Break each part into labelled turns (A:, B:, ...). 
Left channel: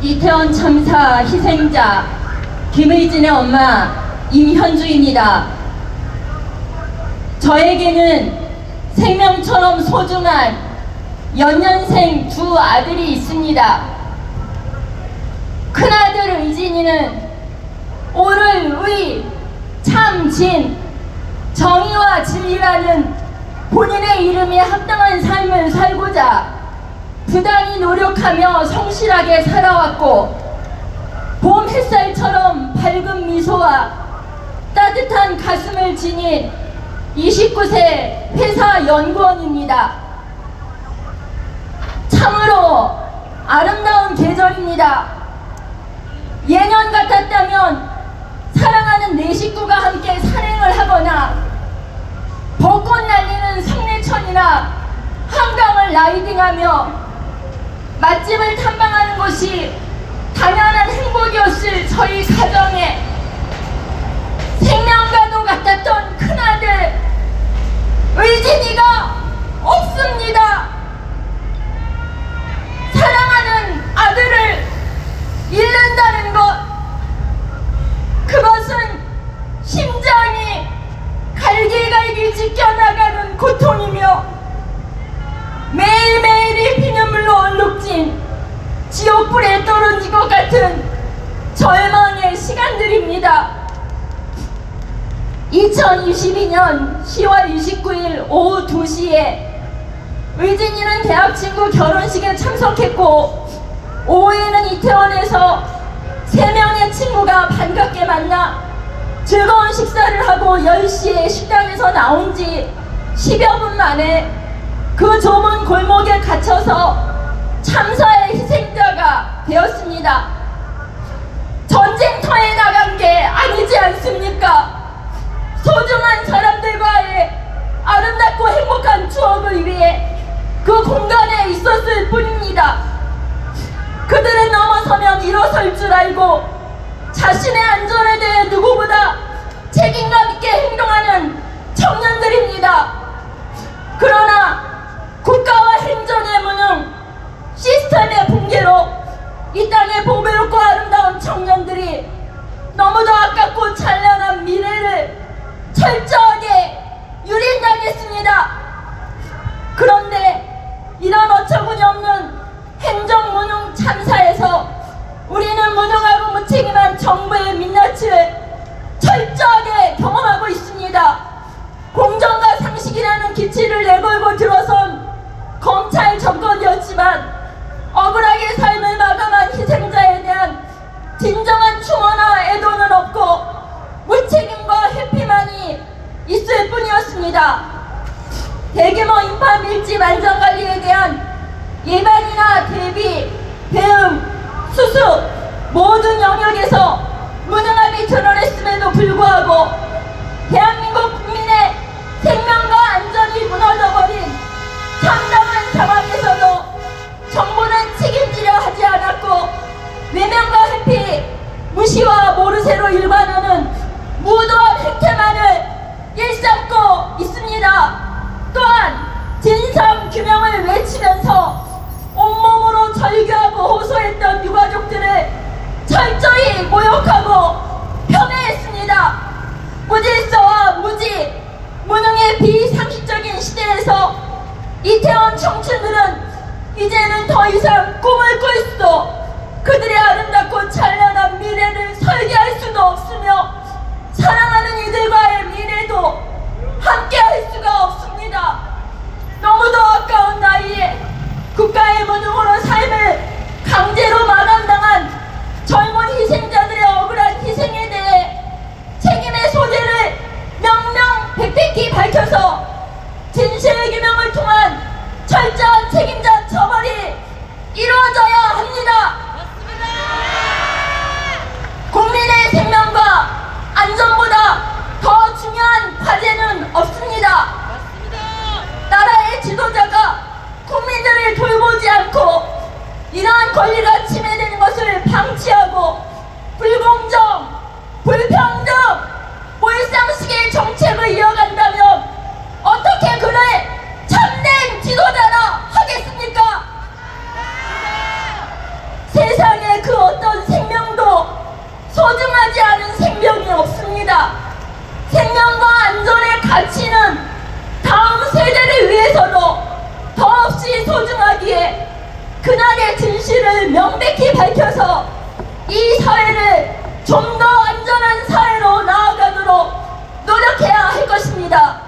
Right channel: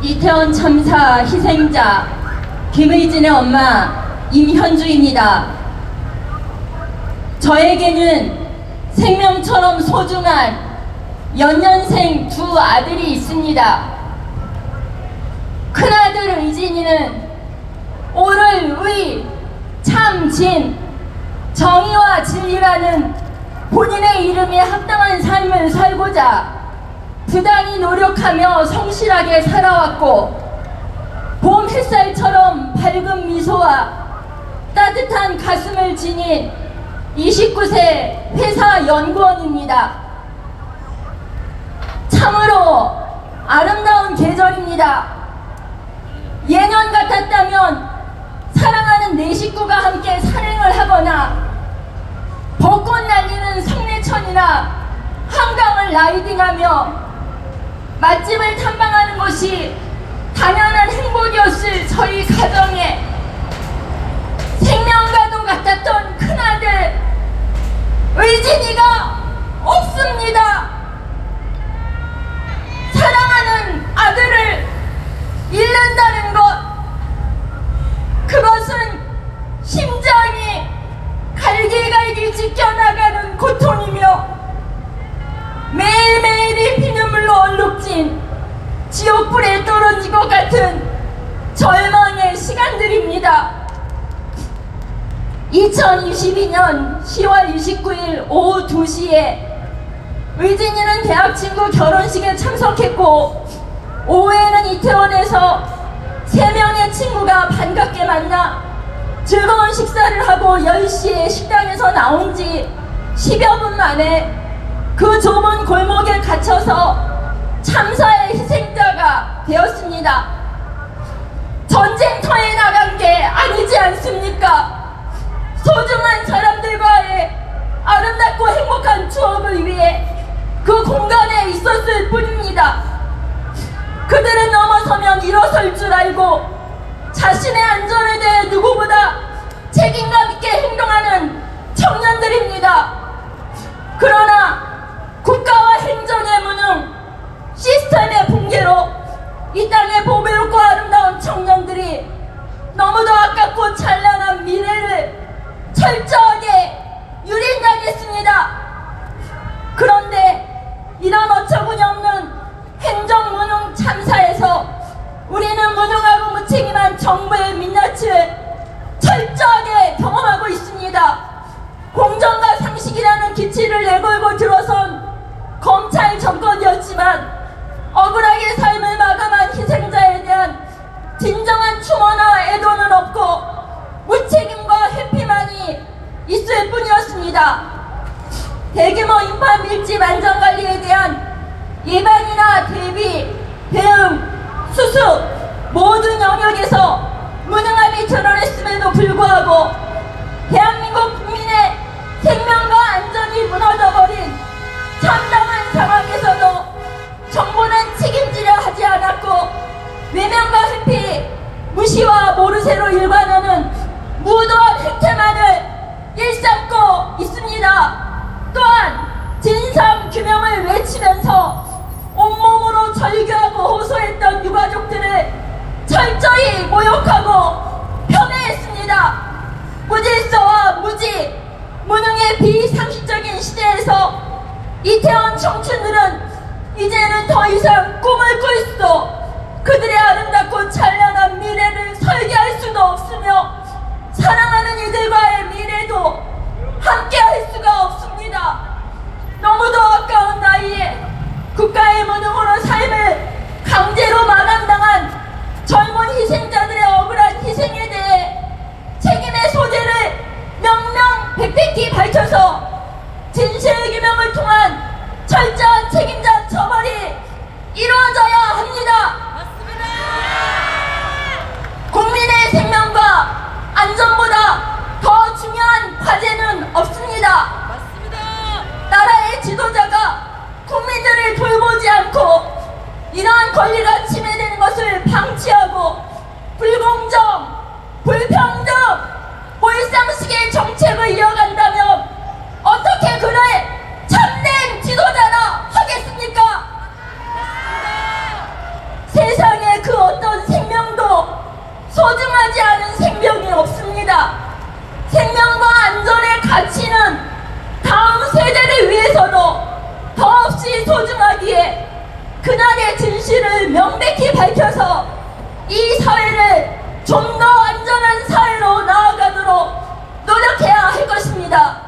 A: 이태원 참사 희생자 김의진의 엄마 임현주입니다. 저에게는 생명처럼 소중한 연년생 두 아들이 있습니다. 큰아들 의진이는 오를 의, 참, 진, 정의와 진리라는 본인의 이름이 합당한 삶을 살고자 부단히 노력하며 성실하게 살아왔고 봄 햇살처럼 밝은 미소와 따뜻한 가슴을 지닌 29세 회사 연구원입니다. 참으로 아름다운 계절입니다. 예년 같았다면 사랑하는 내 식구가 함께 산행을 하거나 벚꽃 날리는 상례천이나 한강을 라이딩하며 맛집을 탐방하는 것이 당연한 행복이었을 저희 가정에 생명과도 같았던 큰아들 의진이가 없습니다. 지옥불에 떨어진 것 같은 절망의 시간들입니다. 2022년 10월 29일 오후 2시에 의진이는 대학 친구 결혼식에 참석했고 오후에는 이태원에서 세 명의 친구가 반갑게 만나 즐거운 식사를 하고 10시에 식당에서 나온 지 10여 분 만에 그 좁은 골목에 갇혀서 참사의 희생자가 되었습니다. 전쟁터에 나간 게 아니지 않습니까? 소중한 사람들과의 아름답고 행복한 추억을 위해 그 공간에 있었을 뿐입니다. 모든 영역에서 무능함이 드러냈음에도 불구하고 대한민국 국민의 생명과 안전이 무너져버린 참담한 상황에서도 정부는 책임지려 하지 않았고 외면과 회피, 무시와 모르쇠로 일관하는 무도한 행태만을 일삼고 있습니다. 또한 진상 규명을 외치면서 온몸으로 절규하고 호소했던 유가족들을 철저히 모욕하고 폄훼했습니다. 무질서와 무지, 무능의 비상식적인 시대에서 이태원 청춘들은 이제는 더 이상 꿈을 꿀 수도 그들의 아름답고 찬란한 미래를 설계할 수도 없으며 사랑하는 이들과의 미래도 함께 할 수가 없습니다. 너무도 아까운 나이에 국가의 삶을 강제로 마감당한 젊은 희생자들의 억울한 희생에 대해 책임의 소재를 명명백백히 밝혀서 진실규명을 통한 철저한 책임자 처벌이 이루어져야 합니다. 국민의 생명과 안전보다 더 중요한 과제는 없습니다. 나라의 지도자가 국민들을 돌보지 않고 이러한 권리가 침해되는 것을 방치하고 불공정, 불평등, 몰상식의 정책을 이어간다면 어떻게 그를 참된 지도자라 하겠습니까? 세상에 그 사고의 진실을 명백히 밝혀서 이 사회를 좀 더 안전한 사회로 나아가도록 노력해야 할 것입니다.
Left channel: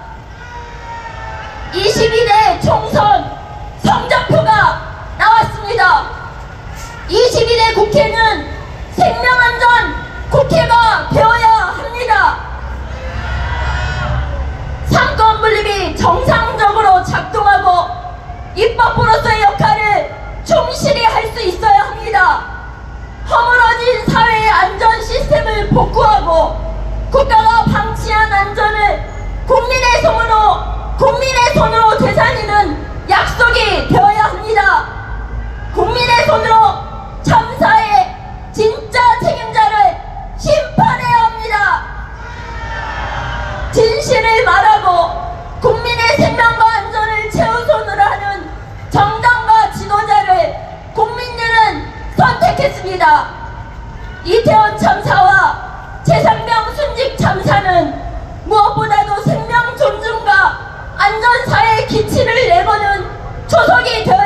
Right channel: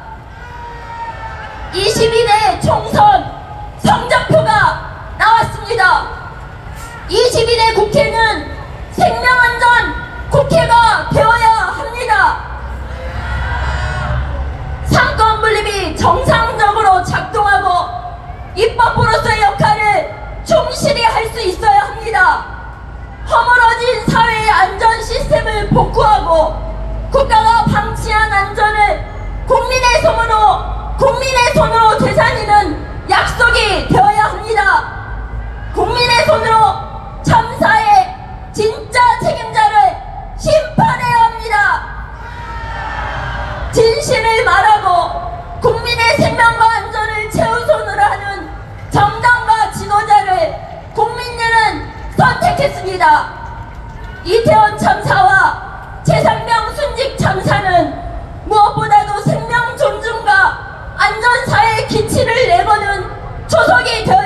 A: 22대 총선 성적표가 나왔습니다. 22대 국회는 생명안전 국회가 되어야 합니다. 상권 분립이 정상적으로 작동하고 입법부로서의 역할을 충실히 할 수 있어야 합니다. 허물어진 사회의 안전 시스템을 복구하고 국가가 방치한 안전을 국민의 손으로 국민의 손으로 되살리는 약속이 되어야 합니다. 국민의 손으로 참사의 진짜 책임자를 심판해야 합니다. 진실을 말하고 국민의 생명과 안전을 최우선으로 하는 정당과 지도자를 국민들은 선택했습니다. 이태원 참사와 기치를 내보는 초석이 되어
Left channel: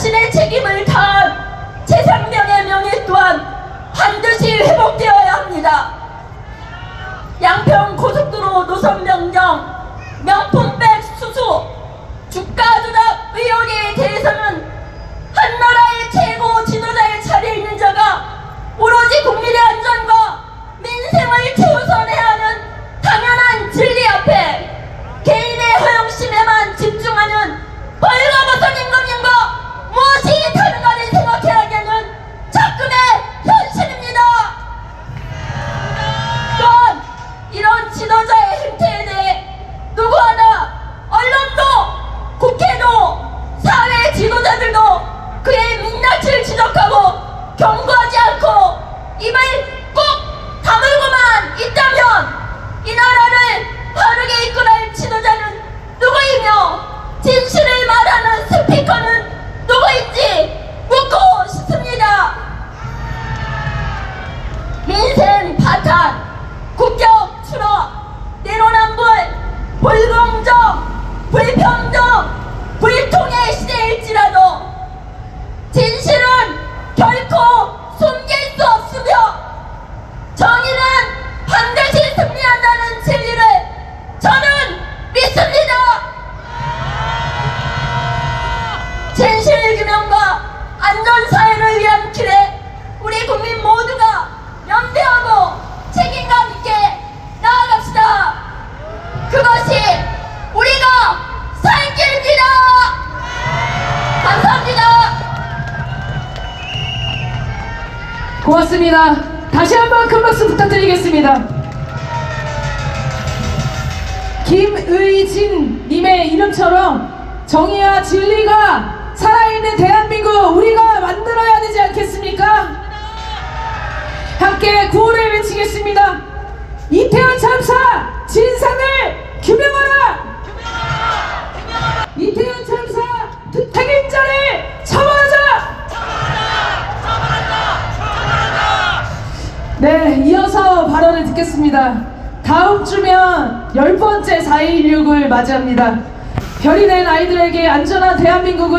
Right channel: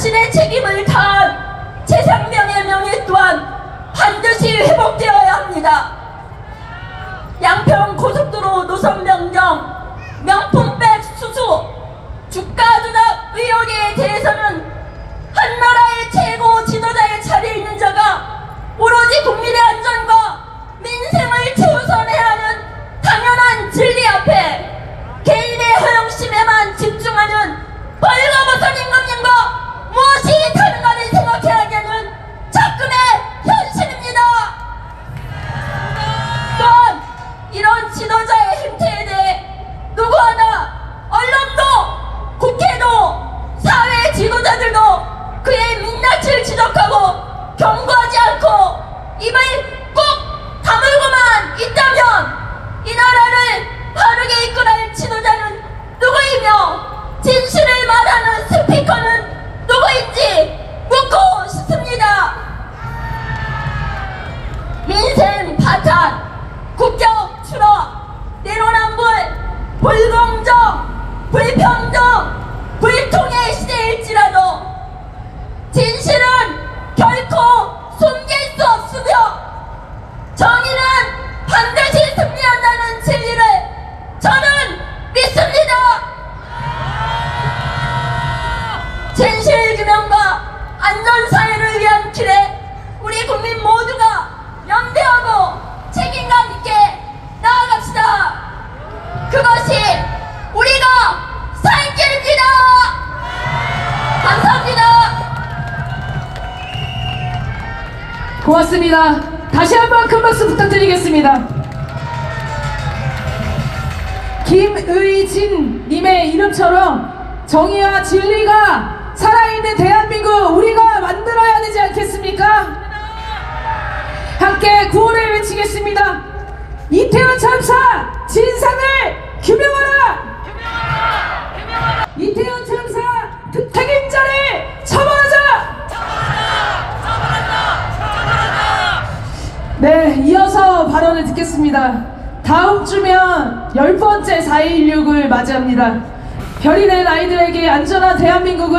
A: 자신의 책임을 다한 최상병의 명예 또한 반드시 회복되어야 합니다. 양평 고속도로 노선 변경, 명품백 수수, 주가 조작 의혹에 대해서는 한 나라의 최고 지도자의 자리에 있는 자가 오로지 국민의
B: 고맙습니다. 다시 한번 큰 박수 부탁드리겠습니다. 김의진 님의 이름처럼 정의와 진리가 살아있는 대한민국 우리가 만들어야 되지 않겠습니까? 함께 구호를 외치겠습니다. 이태원 참사 진상을 규명하라! 듣겠습니다. 다음 주면 열 번째 4.16을 맞이합니다. 별이 된 아이들에게 안전한 대한민국을